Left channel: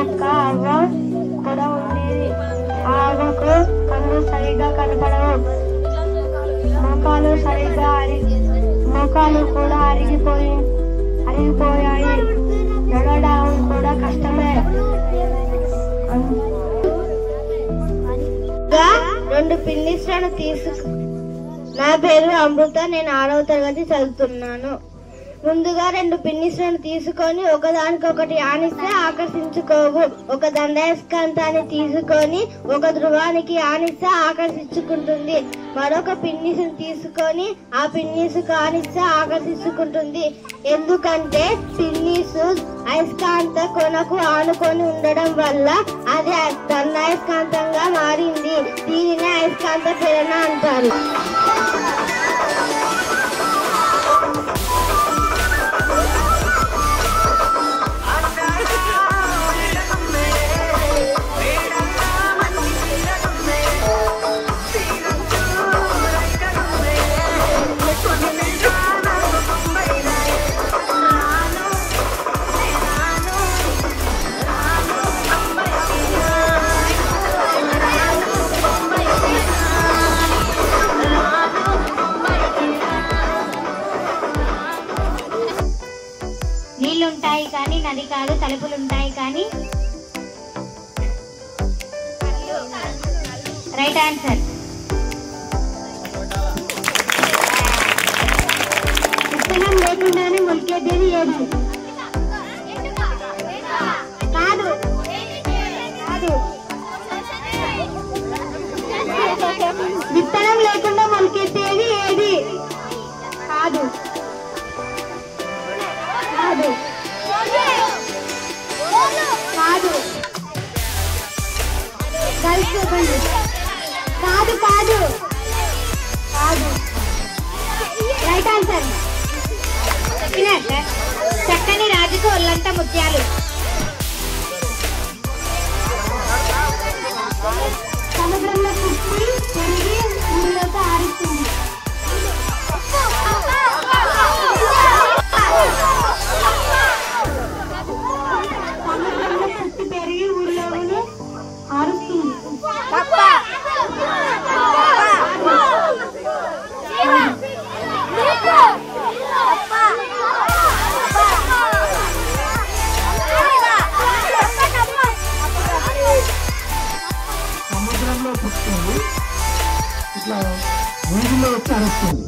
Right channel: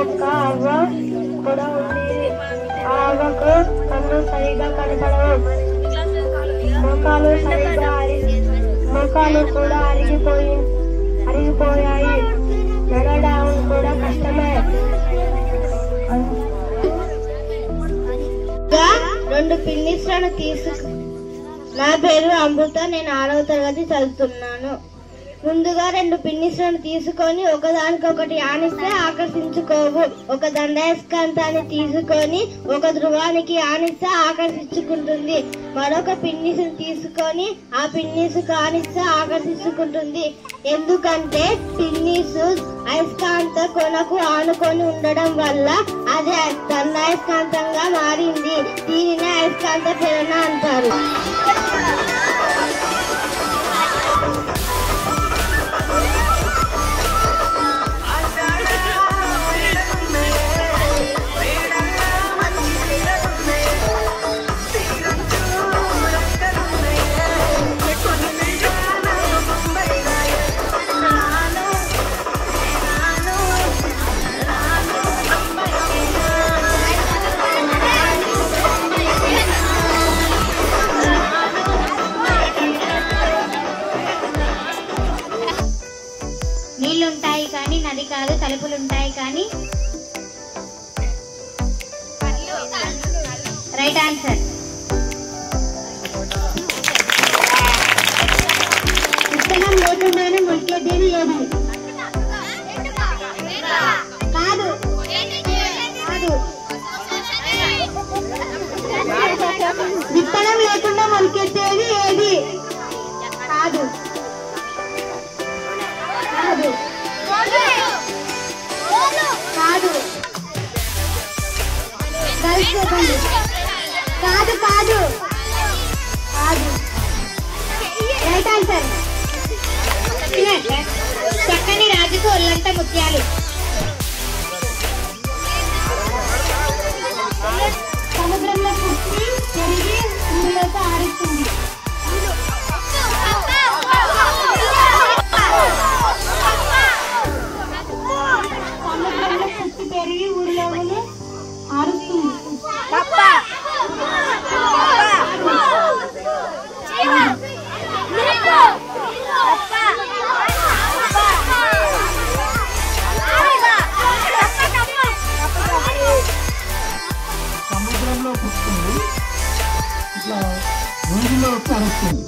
ఒక అవ్వ కూడా ఉండేది. ఆ అవ్వకు కళ్ళు సరిగా కనపడవు. మోకాలు కూడా అరిగిపోయాయి. నడవడం కూడా కష్టమే. రెండు పిన్నిస్లను నా పేరు అమృత. నేను 6వ తరగతి చదువుతున్నాను. ముందుగా 2 పిన్నిస్లను తీసుకొని ఒకదానికొకటి ఆనిస్తే ఆకర్షించుకోవు. ఒక దండయస్కాంతాన్ని తీసుకొని ఒక ధ్రువానికి ఆనిస్తే ఆకర్షించుకుంటుంది. మరొక పిన్నిస్ను తీసుకొని ఆ పిన్నిస్కు ఆనిస్తే ఆకర్షించుకుంటుంది. ఎందుకంటే పిన్నిసు అయస్కాంత కొనకు ఆనుకొని ఉండడం వల్ల అది దండయస్కాంతంగా మారింది. దీనిని అయస్కాంత ప్రేరణ అంటారు. నీళ్లుంటాయి కానీ నది కాదు, తలుపులుంటాయి కానీ. Right answer. విత్తనం లేకుండానే మొలికేదేది ఏది? కాదు. విత్తనం లేకుండా మొలికేసేది ఏది? కాదు. Right answer. చక్కని రాజుకు ఒళ్ళంత ముత్యాలు. సముద్రంలో పుట్టి పెరిగి ఊరిలోకి ఆరుస్తుంది. సముద్రంలో పుట్టి పెరిగి ఊరిలోనే ఆరుస్తుంది. సముద్రంలో పుట్టింది ఇట్లా ఊరిలో వచ్చి అరుస్తుంది.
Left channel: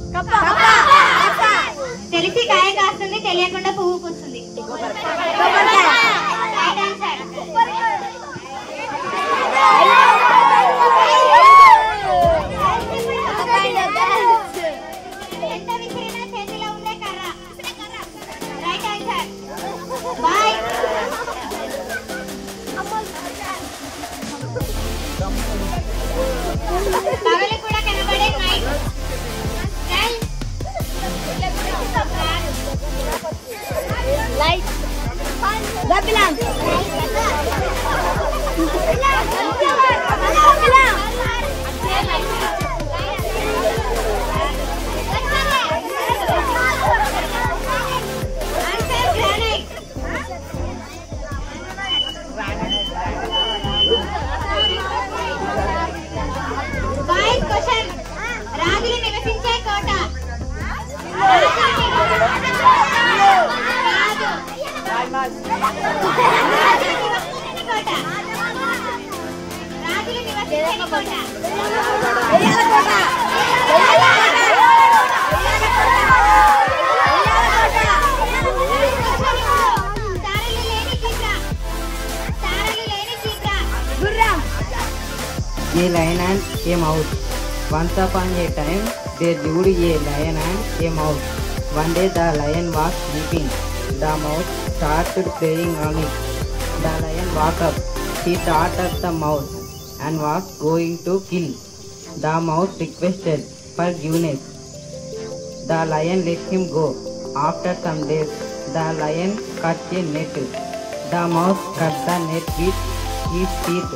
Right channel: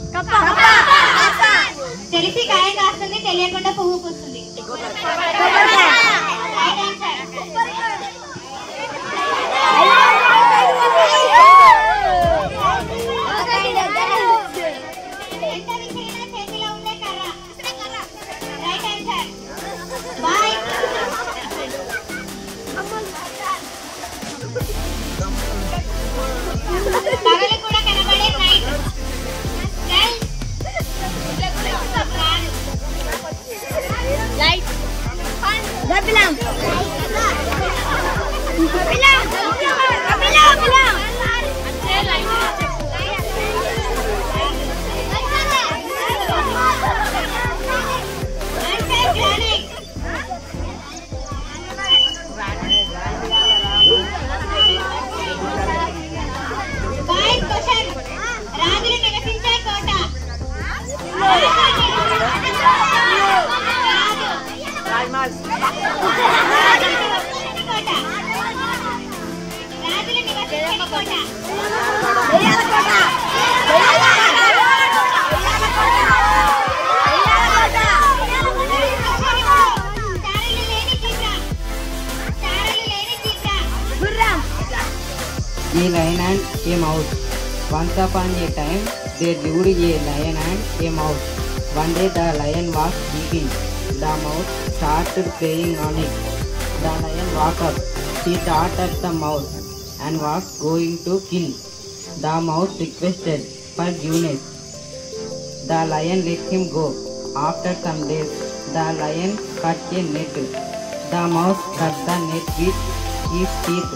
తెలిసి కాయ కాస్తుంది, తెలియకుండా పువ్వు పూస్తుంది. చేతిలో ఉండే కర్ర. Right answer. బాయ్. పగలు కూడా కనబడే నైట్. లైట్. గబ్బిలం. రాజులు నివసించే కోట. రాజులు నివసించని కోట. A lion and a mouse. Once upon a time, there lived a lion and a mouse. One day the lion was sleeping. The mouse started playing on it. The lion woke up. He thought of the mouse and was going to kill. The mouse requested forgiveness. The lion let him go. After some days, the lion caught a net. The mouse cut the net with his teeth.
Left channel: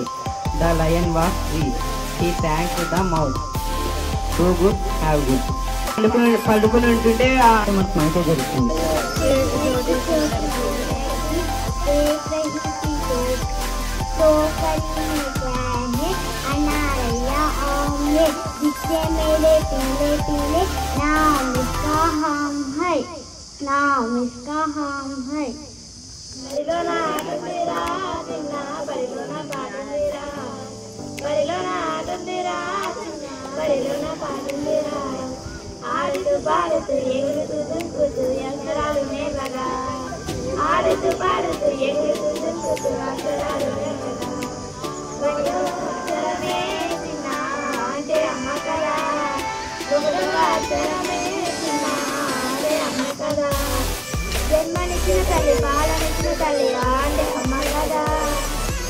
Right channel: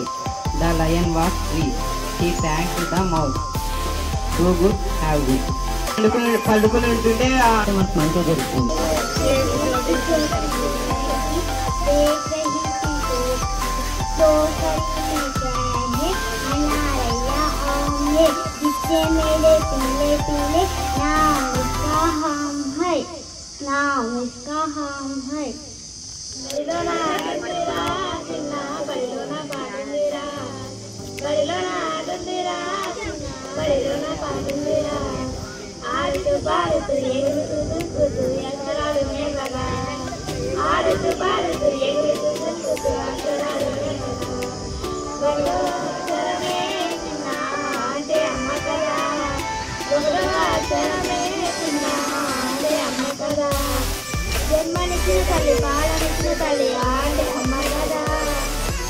The lion was free. He thanked the mouse. Do good, have good. పడుకుని మనకు మంచిగా జరుగుతుంది. पोखरी में अनारैया omelette जिससे मेरे पीले पीले नाम उसका हम है, नाम उसका हम है। बड़लोना दुंदिरा चिन्ना बड़लोना पादुंदिरा, बड़लोना दुंदिरा चिन्ना बड़लोना पादुंदिरा, आड़तू पाड़तू एगुरुतू దుంకుతూ అక్షరాలు నేలగా, ఆడుతూ పాడుతూ ఎగురుతూ దుంకుతూ అక్షరాలు నేలగా, బడిలో అక్షరమే చిన్న అంటే అమ్మ కదా, బడిలో అక్షరమే చిన్న అంటే అమ్మ కదా, జన్మనిచ్చిన తల్లి పాలనిచ్చిన తల్లి అంటే అమ్మ కదా,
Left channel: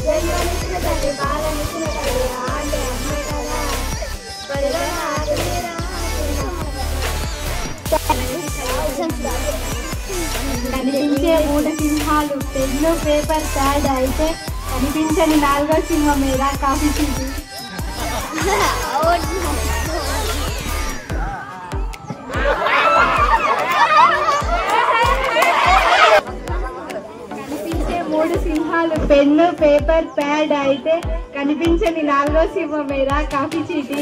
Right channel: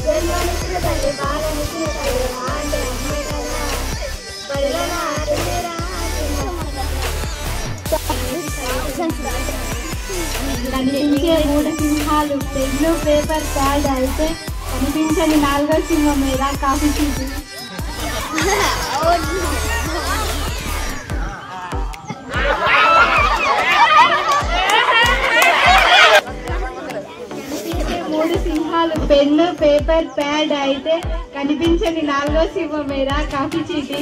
జన్మనిచ్చిన తల్లి పాలనిచ్చిన తల్లి అంటే అమ్మ కదా, బడిలో ఆడుతురా కనిపించే 3 సింహాలు పెన్ను పేపర్ ప్యాడ్ అయితే కనిపించని 4వ సింహం మీద కాఫీ చీటి. కనిపించే 3 సింహాలు పెన్ను పేపర్ ప్యాడ్ అయితే కనిపించని 4వ సింహం మీద కాఫీ చీటి.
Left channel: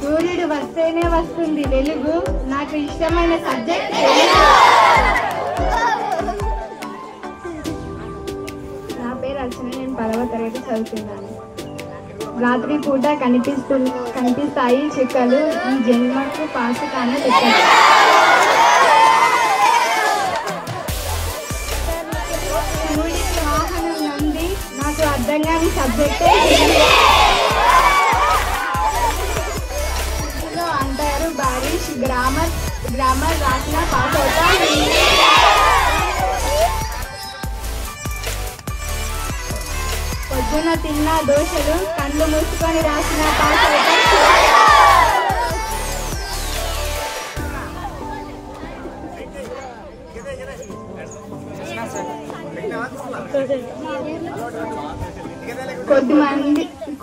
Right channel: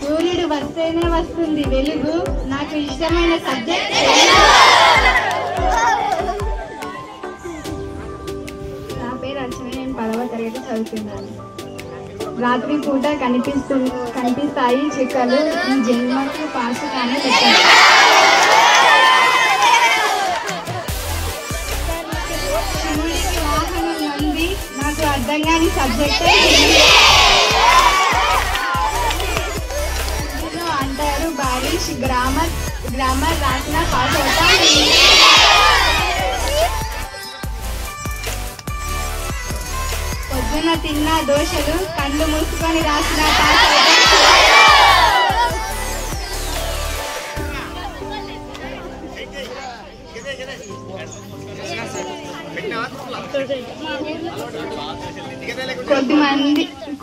సూర్యుడు వస్తేనే వస్తుంది వెలుగు, నాకు ఇష్టమైన సబ్జెక్ట్ నా పేరు అర్చన, నేను 10వ తరగతి చదువుతున్నాను. రాత్రి పూట కనిపిస్తాయి చుక్కలు, ఈ జన్మకు పాస్ కానీ పెట్టాను. వాహనం ఉంది, నాకు అర్థం కాని సబ్జెక్టే అంటారు బారిష్. గ్రామర్ రాసిన పాస్ అవుతాం. పొద్దున తిన్న దోశలు కళ్ళు మూసుకొని రాసిన పాస్ అవుతాం.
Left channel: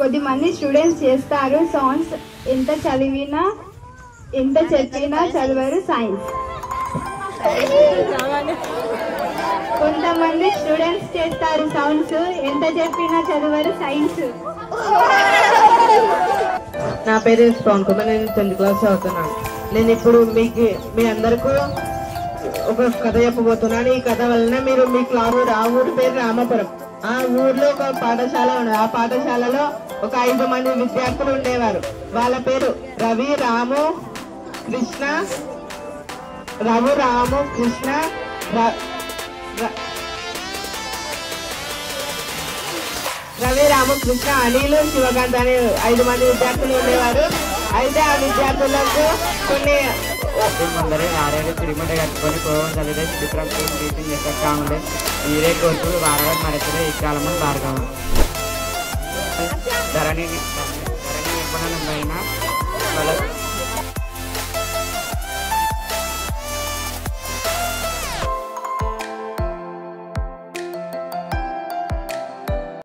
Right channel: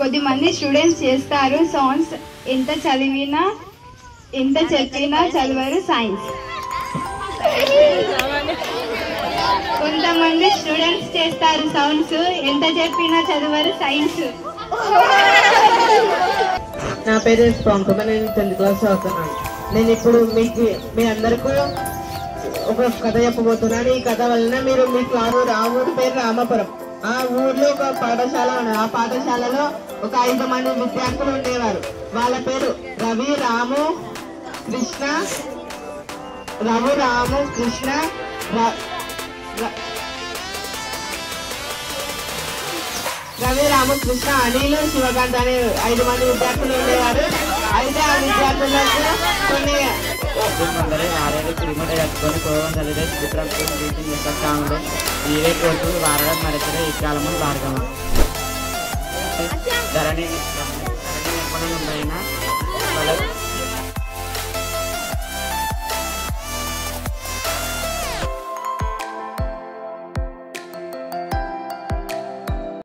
కొద్దిమంది స్టూడెంట్స్ చేస్తారు సాంగ్స్, ఎంత చెప్పినా చదివారు సైన్స్. కొంతమంది స్టూడెంట్స్ చేస్తారు సౌండ్స్, ఎంత చెప్పినా చదివారు సైన్స్. నా పేరు పంకుమ, నేను 10th క్లాస్ చదువుతున్నాను. నేను ఇప్పుడు మీ అందరికీ ఒక కథ చెప్పబోతున్నాను. ఈ కథ వలన మీరు మీ క్లాస్, ఆ ఊరి పేరు రామాపురం. ఆ ఊర్లో ఒక పాఠశాల ఉన్నది. ఆ పాఠశాలలో ఒక 5 మంది విద్యార్థులు ఉండేవారు. వాళ్ళ పేరు రవి, రాము, కృష్ణ, అనిల్, శివకాంత్ అనే 5 మంది విద్యార్థులు ఉండేవారు. అయితే ఆ విద్యార్థులకు కొన్ని ముందరే ఆరేడు కిలోమీటర్ కట్టుకొని పోవడం చదివే చిత్రం సాంగ్లు ఈరే కోర్టు వారడం మరొకరు ఇచ్చాలమని భార్గవ ధరణి నిపుణులైన